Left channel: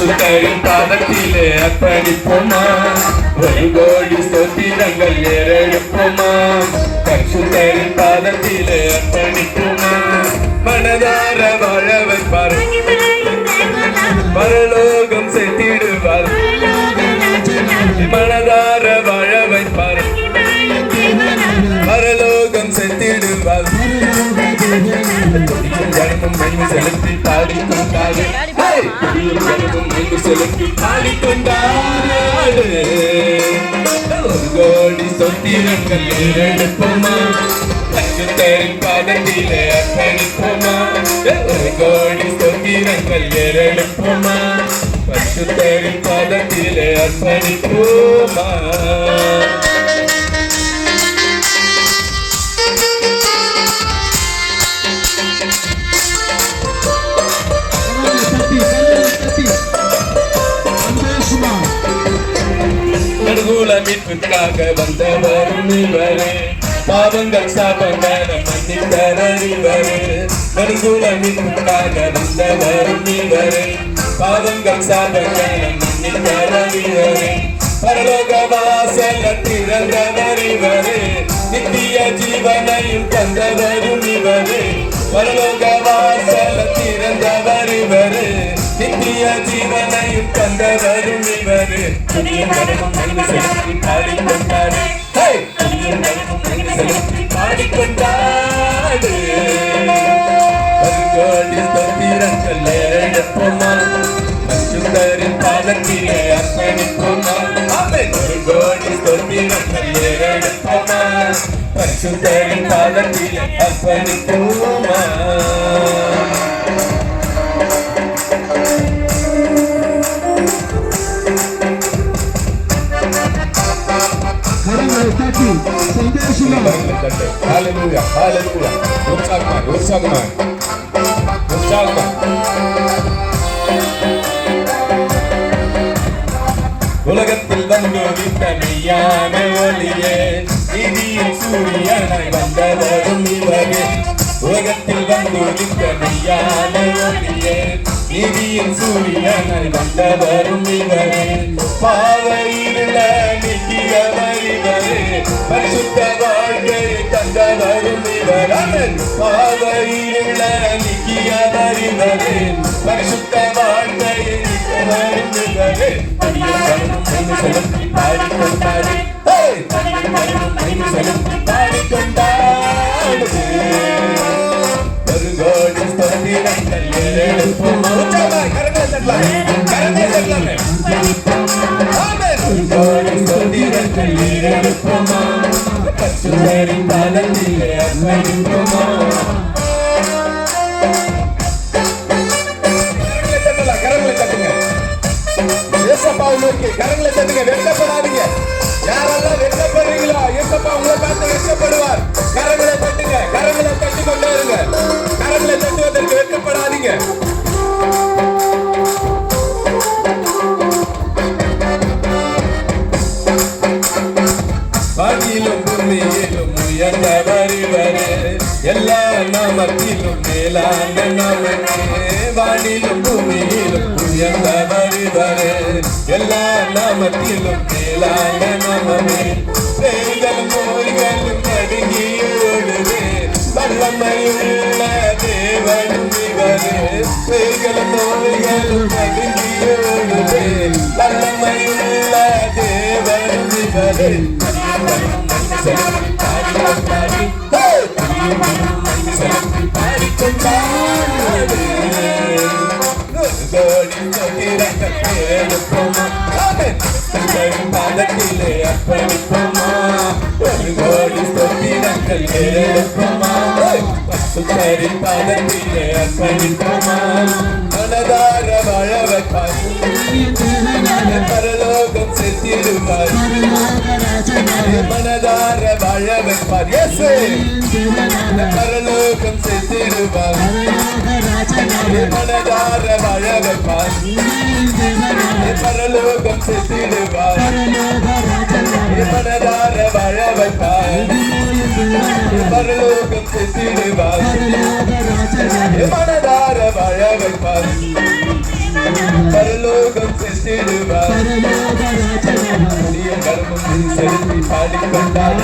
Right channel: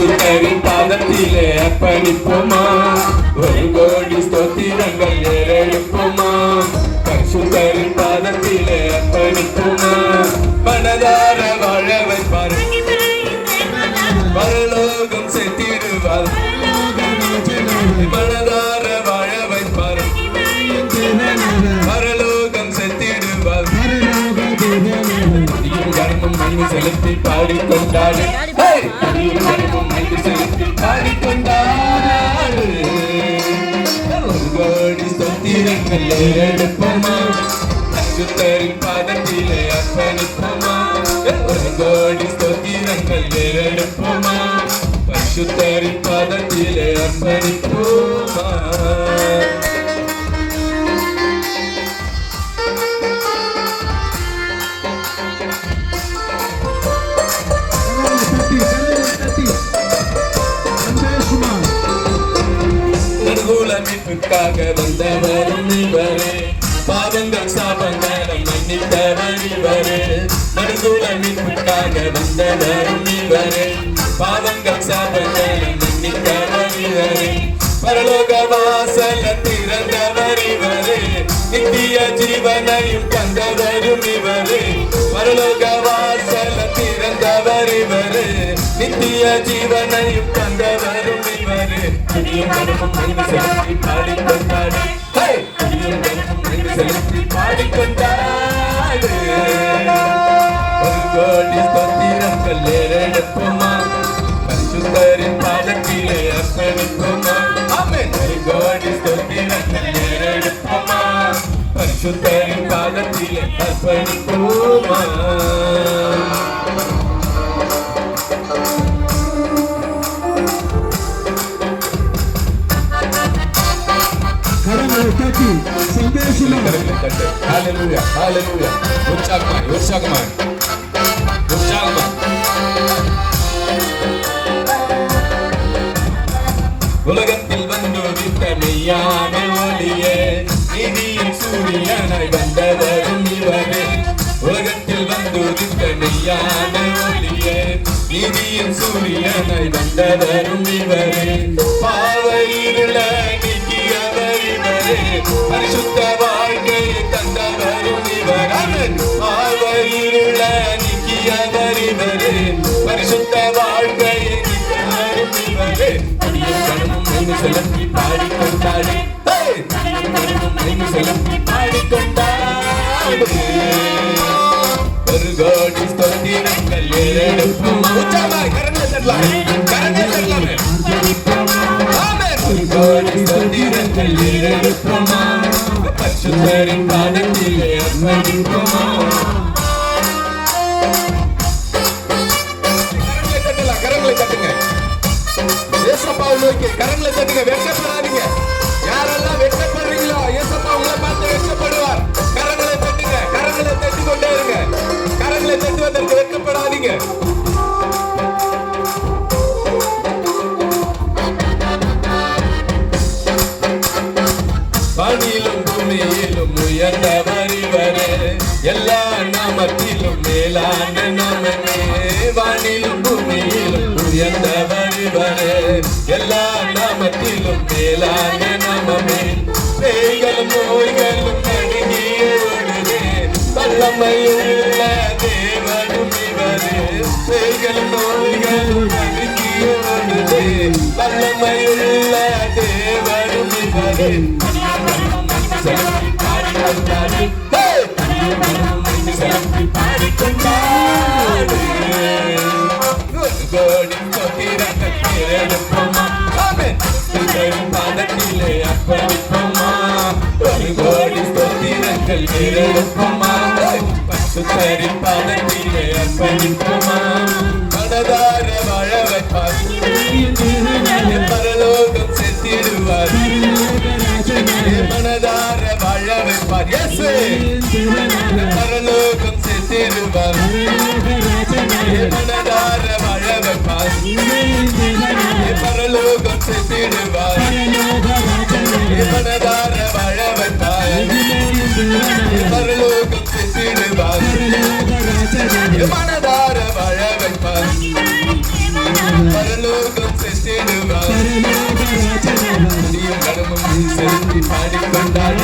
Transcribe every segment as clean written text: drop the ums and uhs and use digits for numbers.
சுத்தரின் பாதத்திலே அர்ப்பணிப்போமா, ஒரு கோடி ஸ்தோத்திரங்கள் ஏறெடுப்போமா. பரிசுத்தரின் பாதத்திலே அர்ப்பணிப்போமா, மனதார வாழ வைப்பார், பரலோகம் சேர்த்திடுவார். மனதார வாழ வைப்பார், பரலோகம் சேர்த்திடுவார். ஜனமும் மெய்மை செலுத்தி பாடிக்கொண்டாரு, ஜனமும் மெய்மை செலுத்தி பாடிக்கொண்டாரு. ஒரு கோடி ஸ்தோத்திரங்கள் ஏறெடுப்போமா, பரிசுத்தரின் பாதத்திலே அர்ப்பணிப்போமா, ஒரு கோடி ஸ்தோத்திரங்கள் ஏறெடுப்போமா, பரிசுத்தரின் பாதத்திலே அர்ப்பணிப்போமா. நடுகுல மீட்புக்காக வந்தவர் இவரே, பாவங்கள் சாபங்களை மன்னித்தவர் இவரே. நடுகுல மீட்புக்காக வந்தவர் இவரே, பாவங்கள் சாபங்களை மன்னித்தவர் இவரே. பரலோக வாசல திறந்தவர் இவரே, நித்திய ஜீவனையும் தந்தவரும் இவரே. பரலோக வாசல திறந்தவர் இவரே, நித்திய ஜீவனையும் தந்தவரும் இவரே. துதியும் கனமும் மெய்மை செலுத்தி பாடிக்கொண்டாடு, துதியும் கனமும் மெய்மை செலுத்தி பாடிக்கொண்டாடு. ஒரு கோடி ஸ்தோத்திரங்கள் ஏறெடுப்போமா, பரிசுத்தரின் பாதத்திலே அர்ப்பணிப்போமா. ஒரு கோடி ஸ்தோத்திரங்கள் ஏறெடுப்போமா, பரிசுத்தரின் பாதத்திலே அர்ப்பணிப்போமா. சந்தோஷமா ஹalleluya ஹalleluya. உற்சாகமாய் உற்சாகமாய் உற்சாகமாய். உலகத்தில் வந்துவிட்ட மெய்யான ஒளியே, நீதியின் சூரியனாய் வந்தவரும் இவரே. உலகத்தில் வந்துவிட்ட மெய்யான ஒளியே, நீதியின் சூரியனாய் வந்தவரும் இவரே. பாவ இருள நீக்கியவர் இவரே, பரிசுத்த வாழ்க்கையை தந்தவரும் இவரே. பாவ இருள நீக்கியவர் இவரே, பரிசுத்த வாழ்க்கையை நீத்தவரும் இவரே. அடியும் கனமும் மெய்மை செலுத்தி பாடிக்கொண்டாரு, அடியும் கனமும் மெய்மை செலுத்தி பாடிக்கொண்டாரு. ஒரு கோடி ஸ்தோத்திரங்கள் ஏறெடுப்போமா. உற்சாகமாய் கரங்களை தட்டலாமே, கரங்களை தட்டலாமே. ஆமென். ஒரு கோடி ஸ்தோத்திரங்கள் ஏறெடுப்போமா, பரிசுத்தரின் பாதத்திலே அர்ப்பணிப்போமா. கரங்களை தட்டலாம், கரங்களை தட்டுங்க. ஏசப்பாவை நோக்கி கரங்களை தட்டுங்க, வெட்கப்படாதீங்க. யாரெல்லாம் வெட்கப்படுறீங்களோ ஏசப்பா உங்களை பார்த்து வெட்கப்படுவார். கரங்களை தட்டுங்க, கரங்களை தட்டி கொண்டே இருங்க. கரங்களை தட்டுவதற்கு வெட்கப்படாதீங்க. வானிலும் பூமியிலும் உயர்ந்தவர் இவரே, எல்லா நாமத்திலும் மேலான நாமமே. வானிலும் பூமியிலும் உயர்ந்தவர் இவரே, எல்லா நாமத்திலும் மேலான நாமமே. பேய்களும் நோய்களும் நடுங்கி ஓடுவே, வல்லமையுள்ள தேவனும் இவரே. பேய்களும் நோய்களும் நடுங்கி ஓடுவே, வல்லமையுள்ள தேவனும் இவரே. செலுத்தி பாடிக்கொண்டாடு, செலுத்தி பாடிக்கொண்டாடு. ஒரு கோடி ஸ்தோத்திரங்கள் ஏறெடுப்போமா, பாதத்திலே அர்ப்பணிப்போமா. ஒரு கோடி ஸ்தோத்திரங்கள் ஏறெடுப்போமா, பரிசுத்தரின் பாதத்திலே அர்ப்பணிப்போமா. மனதார வாழ வைப்பார், பரலோகம் சேர்த்திடுவார். மனதார வாழ வைப்பார், பரலோகம் சேர்த்திடுவார். மனதார வாழ வைப்பார், பரலோகம் சேர்த்திடுவார். மனதார வாழ வைப்பார், பரலோகம் சேர்த்திடுவார். மனதார வாழ வைப்பார், பரலோகம் வந்திடுவார். பரலோக ராஜனாக துதியும் கனமும் நீ செலுத்தி பாடிக்கொண்டார்.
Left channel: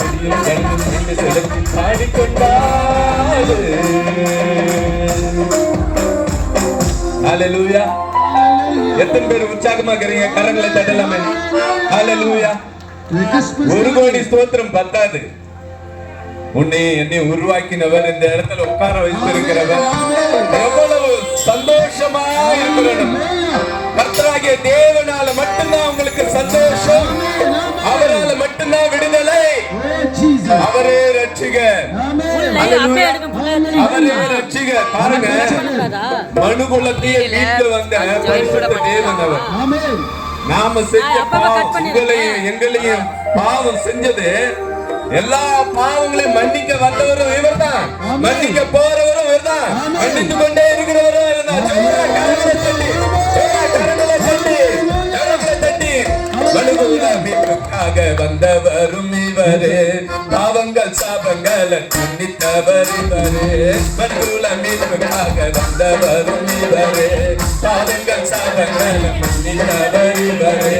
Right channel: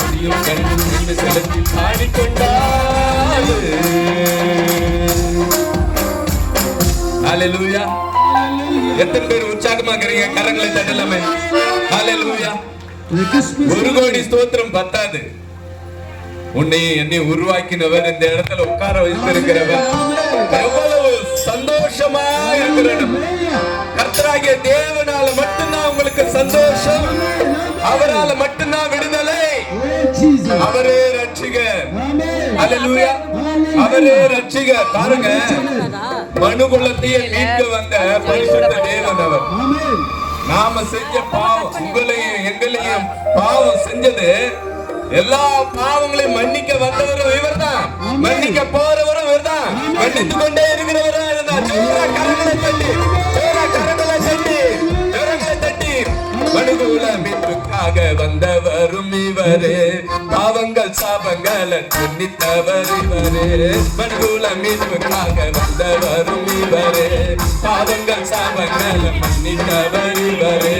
துதியும் கனமும் நீ செலுத்தி பாடிக்கொண்டார். ஹalleluya. எத்தனை பேர் உற்சாகமா இருக்கிறீங்க? கரங்களை தட்டலாமே. ஹalleluya. The Christmas ஒரு கோடி ஸ்தோத்திரம் பத்தாது. உன்னை என்னை உருவாக்கினவர், இந்த இடத்துல உட்கார வைத்திருக்கிறவர், எவ்வளவு சந்தோஷமா இருக்கிற இடம். கர்த்தராகிய தேவனால மட்டும்தான் உங்களுக்கு சந்தோஷம், அவரால மட்டும்தான் விடுதலை. Jesus. அவரே ரட்சிகர். Amen. ஹalleluya. அவரே ரட்சிகர். பாருங்க, மனுகுலத்தையே மீட்டு வந்த பரிசுத்த தேவன் அவர். Amen. நாம செஞ்ச பாவம், உங்களையும் எங்களையும் பாவம் செஞ்சது, எல்லா பாவங்களையும் மன்னிக்க வந்தவரும் இவர்தான், மன்னிக்க போறவரும் இவர்தான், மன்னித்து கொண்டே இருக்கிறவரும் இவர்தான். ஜோரா கரங்களை தட்டி, ஜோரா கரங்களை தட்டி, கரங்களை தட்டி. மனுகுல மீட்புக்காக வந்தவரும் இவரே, பாவங்கள் சாபங்களை மன்னித்தவர் இவரே. மனுகுல மீட்புக்காக வந்தவரும் இவரே, பாவங்கள் சாபங்களை மன்னித்தவர் இவரே.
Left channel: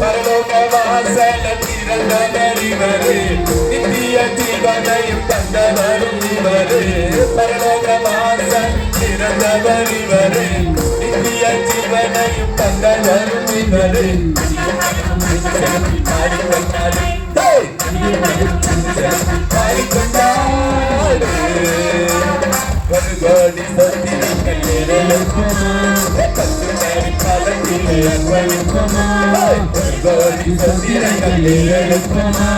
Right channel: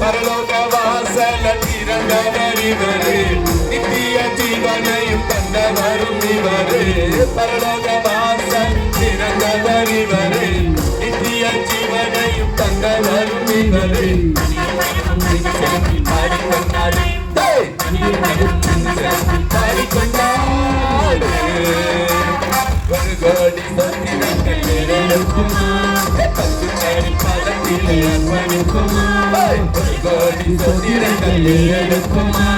பரலோக வாசல திறந்தவர் இவரே, நித்திய ஜீவனையும் தந்தவரும் இவரே. பரலோக வாசல் திறந்தவர் இவரே, நித்திய ஜீவனையும் தந்தவரும் இவரே. பாடிக்கொண்டாரு, பாடிக்கொண்டாரு. ஒரு கோடி சொத்தினங்கள் நிறைவேற்றுமா, பத்து பேர் பதத்திலே அர்ப்பணிக்குமா. ஒரு கோடி சொத்தினங்கள் நிறைவேற்றுமா.